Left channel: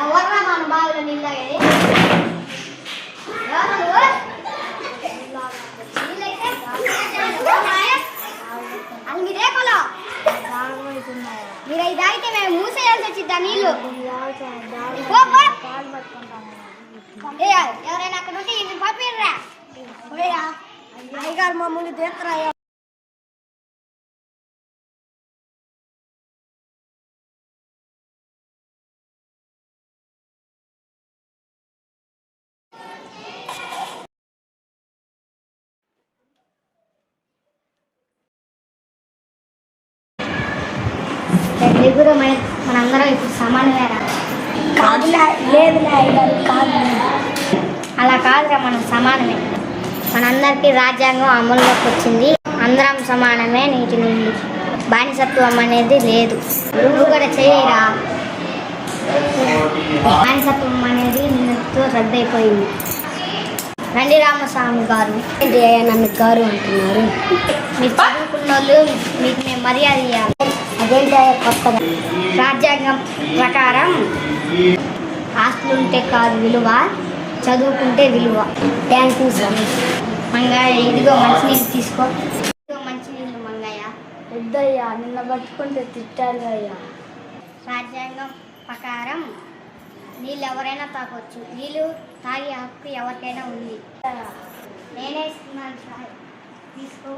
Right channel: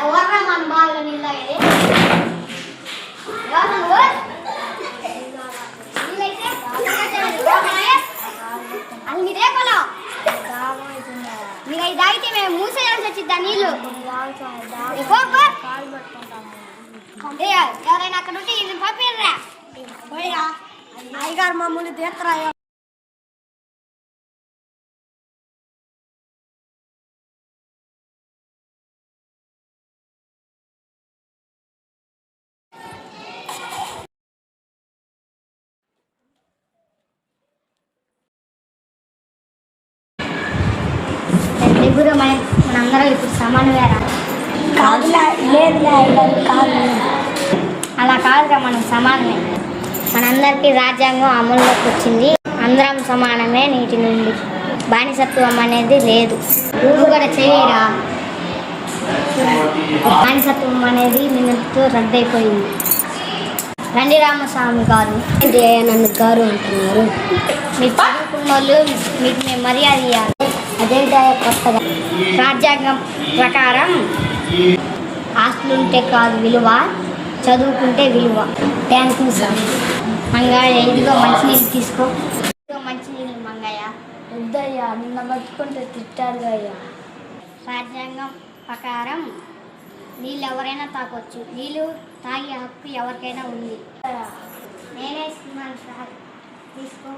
ఎవర్రా మన బావిలో నీళ్ళు తాగేది? మీరే పొలం మీరు అవి తాగితే మేము మూసేయాల్సి వచ్చింది ఆ నీళ్ళు. ఎవరైనా అక్కడ ఉంటే ఇది పంపిర్రా అయ్యగారు మమ్మల్ని తీర్చరా. ఎగురు మనందరం ఇప్పుడు సమానమే రా. అలా కాదురా, మనం సమానమే. మనందరికీ రాజ్యాంగం అమల్లోకి వచ్చింది. అందరం సమానమే. నీటి నుండి బానిసత్వం అనేది లేదు. నువ్వు కూడా చేయరా. బానిసత్వం అనేది నిన్నటితో రద్దయిపోయింది. రండి రామస్వామి గారు, జయానంద్ గారు అంటున్నారు. మీరు చదువుకున్న వాళ్ళు, మీకు మేము మర్యాద ఇవ్వాలి. అదేంటో కొత్తగా రాజ్యాంగం ప్రకారం ఆస్తులుంటే కాదు విలువ, చదువుకుంటే విలువ. Thank you sir. మంగయ్య ఇదిగో మంచినీళ్ళు తీసుకో. ఇదిగో మంచినీళ్ళు మంగయ్య. వద్దయ్యా, నిన్న బతుకుంటే తిట్టాడు అయ్యా. రాజ్యాంగం ప్రకారం నీళ్ళు ఎవరైనా తాగొచ్చు. నీళ్ళు తాగే హక్కు ఎవరికైనా ఉంది. నేనే ఇస్తున్నాను సార్, తీసుకో.